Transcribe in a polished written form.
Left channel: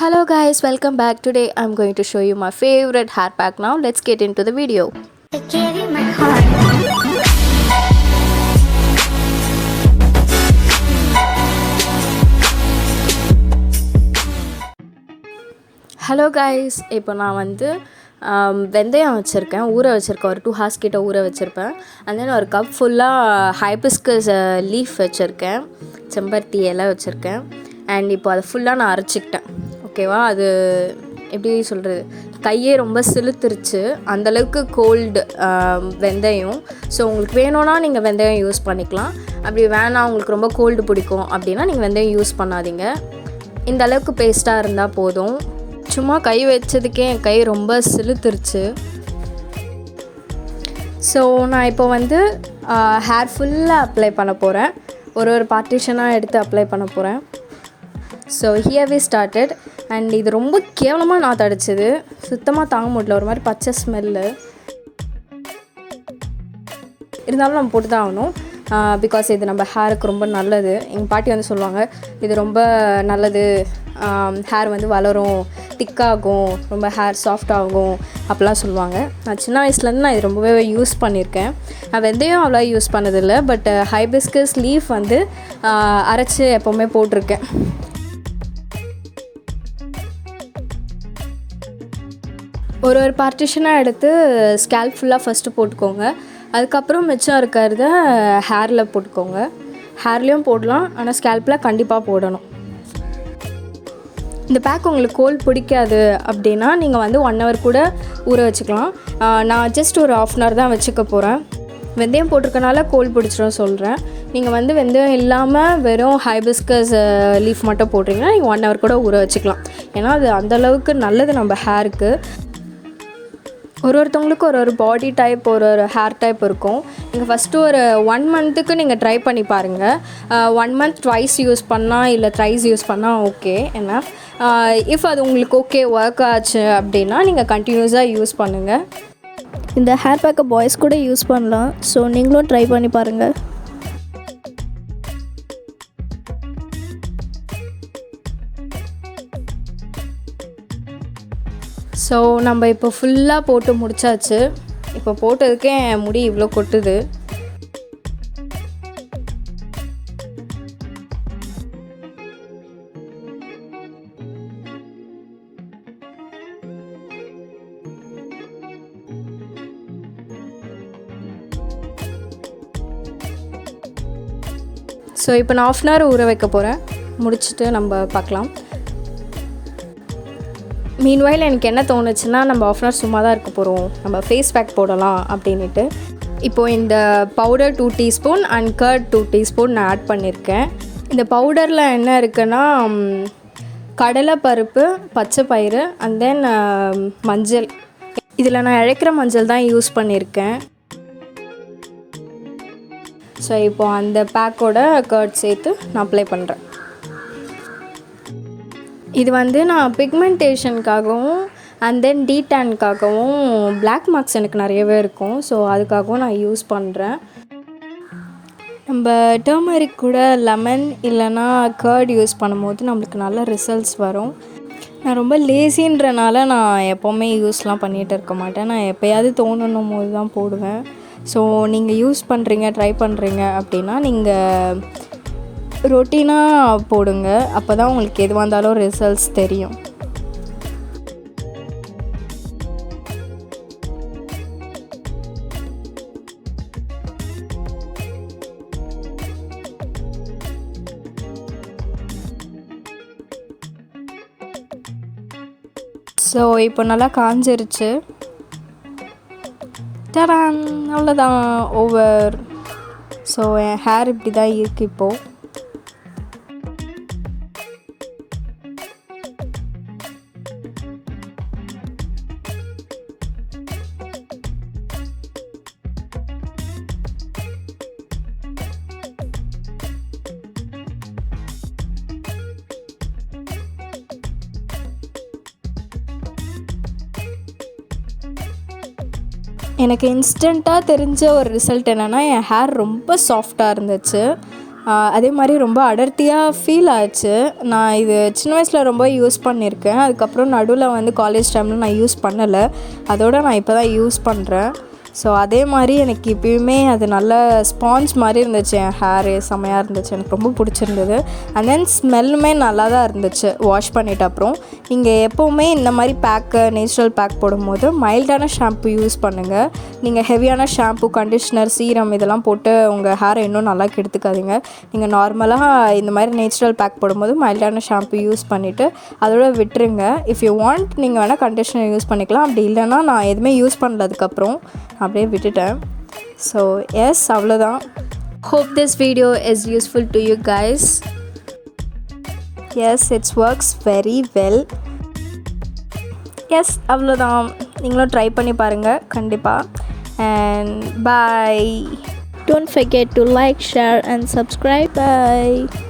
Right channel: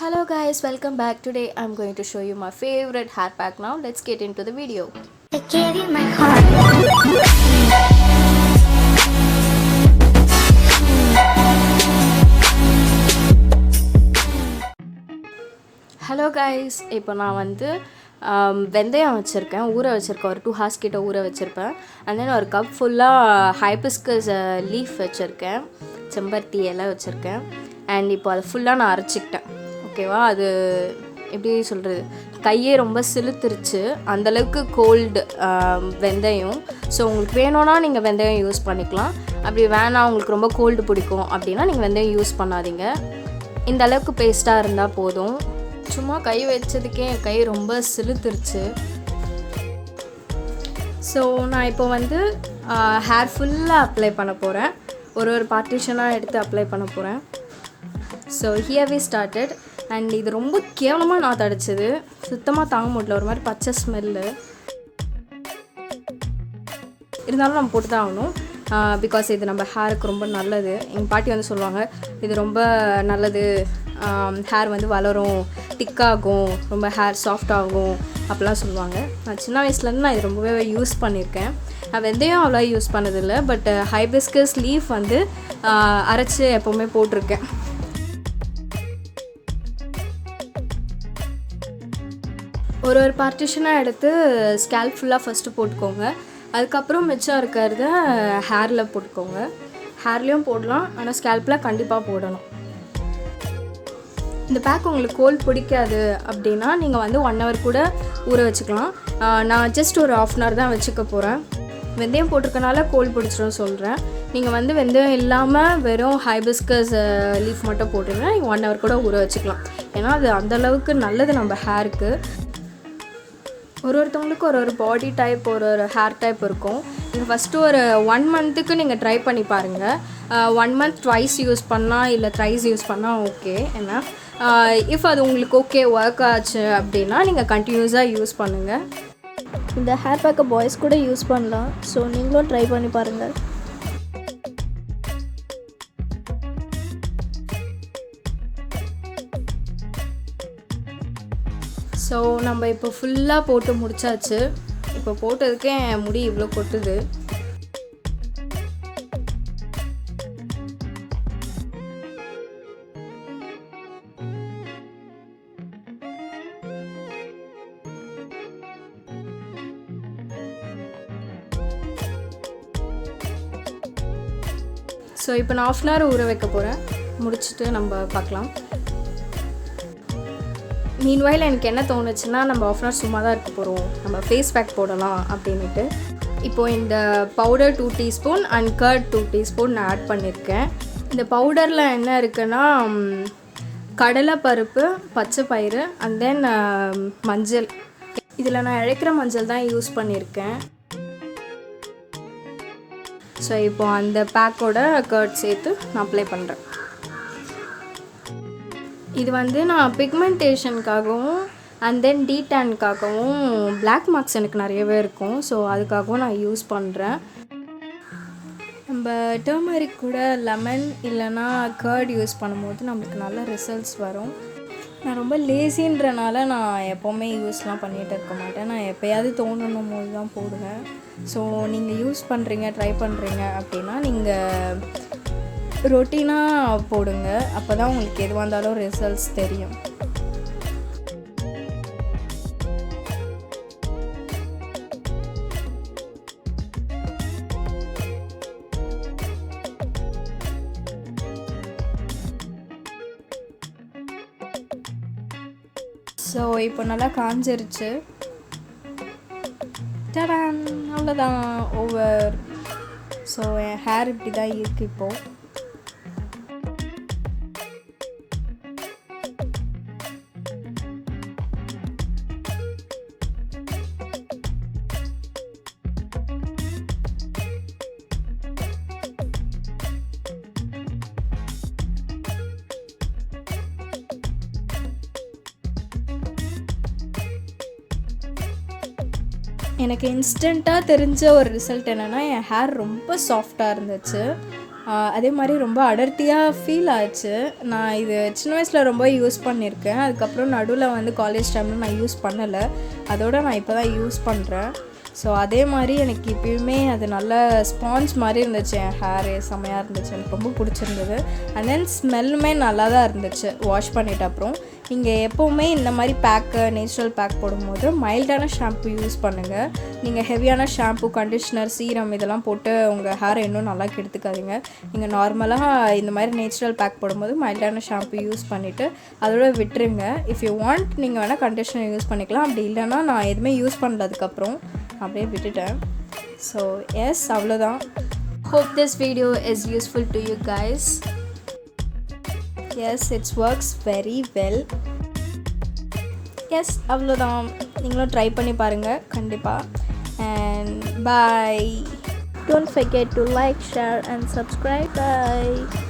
Hello guys, welcome back. Today I'm going to show you my favorite hair pack. Now let's get into the video. I gave you my heart. Hello guys, இப்போ நான் வெந்தயம் வச்சுருக்கேன், ஊற வச்சுருக்கேன். ஒரு 2 hours கிட்ட ஊற வச்சுருப்பேன். அண்ட் தென் ஒரு கப் ஃபுல்லாக ஹைபிஸ்கஸ் லீஃப் வச்சுருக்கேன், செம்பருத்தி இலை வச்சுருக்கேன். அண்ட் இப்போ அதை ஃபுல்லாக நான் அரைச்சிக்கிட்டேன். ஓகேவா, அது எப்படி சொல்கிறது, கையே ரொம்ப சிலுத்துருச்சு, அந்தளவுக்கு கோல்டு வெந்தயம். ஸோ உங்களுக்கு வேணும்னா நீங்கள் வெந்தயம் யூஸ் பண்ணிக்கலாம். அப்படி வேணாம், உங்களுக்கு ரொம்ப கோல்டு பிடிக்கும் அப்படின்னா நீங்கள் வெந்தயம் யூஸ் பண்ணாதீங்க. இந்த அளவுக்கு பேஸ்ட்டாக இருந்தால் போதும். சும்மா கை வச்சதுக்கே என் கை ரொம்ப சிலுத்துருச்சு. ஸோ நான் இப்போ ஹேர் ஃபுல்லாக அப்ளை பண்ண போகிறேன். ஒரு பார்ட்டிஷனாக எடுத்து அப்ளை பண்ண போகிறேன். So here we started. And இது ரொம்ப கேவலமாக நான் தடிச்சது, சுத்தமாக தாங்க முடியல, ஒரு மாதிரி பச்சை ஸ்மெல்லு. இருந்தாலும் நம்ம போட்டு தான் ஆகணும், பிகாஸ் இது நம்ம ஹேருக்கு ரொம்ப நல்லது. எங்கள் பாட்டி சொல்லுவாங்க, இது ரொம்ப நல்லது, ஹேர் வளரும், திக்காகும், ரொம்ப ஹேர் சாஃப்ட் ஆகும் அப்படிலாம் சொல்லுவாங்க. நான் சின்ன வயசுலேருந்து நான் இது ரொம்பவே யூஸ் பண்ணியிருக்கேன். நான் வெந்தயம் அவ்வளோ யூஸ் பண்ணதில்லை, பட் ஹைபிஸ்கஸ் லீஃப் அரைச்சி எப்போவுமே போட்டிருக்கேன். ஒரு பார்ட்டிஷனாக எடுத்து ஸ்கேல்ப் ஃபுல்லாக ஃபஸ்ட்டு போட்டுக்கோங்க. அதுக்கப்புறம் மிச்சம் இருக்கிறத ஹேரில் போட்டுக்கோங்க. ஹேர்லேயும் போடலாம், ஆனால் ஸ்கேல்பில் கண்டிப்பாக போடணும். இந்த பேக் உங்களுக்கு கோல்ட் பிடிக்காது அப்படின்னா நீங்கள் 1 hour கூட ஊற வச்சுக்கலாம். நான் ஜஸ்ட் ஒரு 1/2 hour தான் வச்சுக்க போகிறேன். வெந்தயம் போட்டிருக்கனால கோல்ட் பிடிச்சிடும் சொல்கிறேன். நீங்கள் வெந்தயம் இல்லாமல் வெறும் ஹைபிஸ்கஸ் லீஃப் மட்டும் போட்டிங்கன்னா நீங்கள் 1 hour கூட ஊற வச்சுக்கலாம். ஏன்னா அது அந்தளவுக்கு நல்லது நம்ம ஹேருக்கு. ஒருத்தவங்களுக்கு ஒரு பாடி டைப், ஒரு ஹேர் டைப் இருக்கும். நீங்கள் ஃபஸ்ட்டு ஒரு 1 monthக்கு நீங்கள் ட்ரை பண்ணி பாருங்கள். 1 month ட்வைஸ் யூஸ் பண்ணால் இல்லை த்ரைஸ் யூஸ் பண்ணால் ஓகே. ஏன்னா இஃப் அது உங்களுக்கு ஓகே ஒர்க் ஆச்சு அப்படின்னா நீங்கள் கண்டினியூஸாக யூஸ் பண்ணுங்கள். இந்த ஹேர் பேக்கை பாய்ஸ் கூட யூஸ் பண்ணலாம். ஸோ நீங்களும் ட்ரை பண்ணி பாருங்கள். ஸோ நம்ம இப்போ ஃபுல்லாக போட்டு முடிச்சாச்சு. இப்போ போட்டதுக்கே என் முடி இவ்வளோ கொட்டுது. ஸோ இப்போ நான் 1/2 hour ஊற வைக்க போகிறேன். முடிச்சுட்டு நம்ம பார்க்கலாம். மீன்வைல் எனக்கு என்ன தோணுச்சுன்னா, நம்ம 1/2 hour சும்மா தான் இருக்க போகிறோம், நம்ம ஃபேஸ் பேக் போடலாம் அப்படின்ட்டு. இப்போது இந்த powder 2 teaspoon and curd 2 teaspoon நான் ஆட் பண்ணியிருக்கேன். இந்த பவுடரில் என்ன இருக்குன்னா, கடலைப்பருப்பு, பச்சை பயிறு அண்ட் தென் மஞ்சள். இதில் நான் இழைக்கிற மஞ்சள் தான் யூஸ் பண்ணியிருக்கேன். ஸோ இப்போது அந்த பேக்கோட கர்ட் சேர்த்து நான் அப்ளை பண்ணுறேன். இது நான் பிக்மெண்டேஷனுக்காகவும் அண்ட் தென் டீடேனுக்காகவும், பிளாக் மார்க்ஸ் எனக்கு நிறையவே இருக்கும், ஸோ அதுக்காகவும் நான் யூஸ் பண்ணுறேன். நம்ம டர்மரிக் கூட லெமன் இல்லைனா கர்ட் யூஸ் பண்ணும்போது நம்மளுக்கு நல்ல ரிசல்ட்ஸ் வரும். நான் ரொம்ப லேசின்றனால நான் எப்போவுமே யூஸ்லாம் பண்ணிகிட்டு இருக்க மாட்டேன். நான் எப்போயாவது தோணணும் போது தான் போடுவேன். ஸோ நீங்கள் யூஸ் பண்ணுறீங்க, ட்ரை பண்ணுறீங்க அப்படின்னா நீங்கள் ரொட்டீனாக போடுங்க. அப்போ தான் உங்களுக்கு எதுவாக இருந்தாலும் ரிசல்ட்ஸ் தெரியும். ஸோ இப்போ நல்லா காஞ்சிருச்சு. டடான், அவ்வளோதான், ஓவர். ஸோ என் ஹேர் இப்படி தான் இருக்குது இப்போது. எனக்கு இன்ஸ்டண்ட்டாக தெரிஞ்ச ஒரு ரிசல்ட் என்னென்னா, என் ஹேர் ரொம்ப சாஃப்டாக இருந்துச்சு. அதே மாதிரி ரொம்ப அடர்த்தியாக ஃபீல் ஆச்சு. நான் இது சின்ன வயசில் ரொம்ப யூஸ் பண்ணியிருக்கேன். அதுக்கப்புறம் நடுவில் வந்து காலேஜ் டைமில் நான் யூஸ் பண்ணலை. அதோடு நான் இப்போ தான் யூஸ் பண்ணுறேன். ஸோ அதே மாதிரி எனக்கு இப்போயுமே அது நல்ல ஸ்பாஞ்ச் மாதிரி இருந்துச்சு. என் ஹேரு செம்மையாக இருந்துச்சு, எனக்கு ரொம்ப பிடிச்சிருந்தது. அண்ட் தென் ஸ்மெல்லுமே நல்லா தான் இருந்துச்சு வாஷ் பண்ணிவிட்டு. அப்புறம் நீங்கள் எப்போவுமே இந்த மாதிரி பேக்கு நேச்சுரல் பேக் போடும்போது மைல்டான ஷாம்பு யூஸ் பண்ணுங்கள். நீங்கள் ஹெவியான ஷாம்பு, கண்டிஷ்னர், சீரம் இதெல்லாம் போட்டு உங்கள் ஹேரை இன்னும் நல்லா கெடுத்துக்காதீங்க. நீங்கள் நார்மலாக இந்த மாதிரி நேச்சுரல் பேக் போடும்போது மைல்டான ஷாம்பு யூஸ் பண்ணிவிட்டு அதோட விட்டுருங்க. இஃப் யூ வாண்ட் நீங்கள் வேணால் கண்டிஷ்னர் யூஸ் பண்ணிக்கலாம். அப்படி இல்லைன்னா நான் எதுவுமே யூஸ் பண்ணுறதுக்கப்புறம் அப்படியே விட்டுட்டேன். ஸோ எஸ், அவ்வளோதான். Hope this video is useful to you guys. Yes, it's works very well. Yes, அவ்வளோதான். நீங்களும் ட்ரை பண்ணி பாருங்கள் கண்டிப்பாக. And bye. Don't forget to like, share and subscribe. Bye.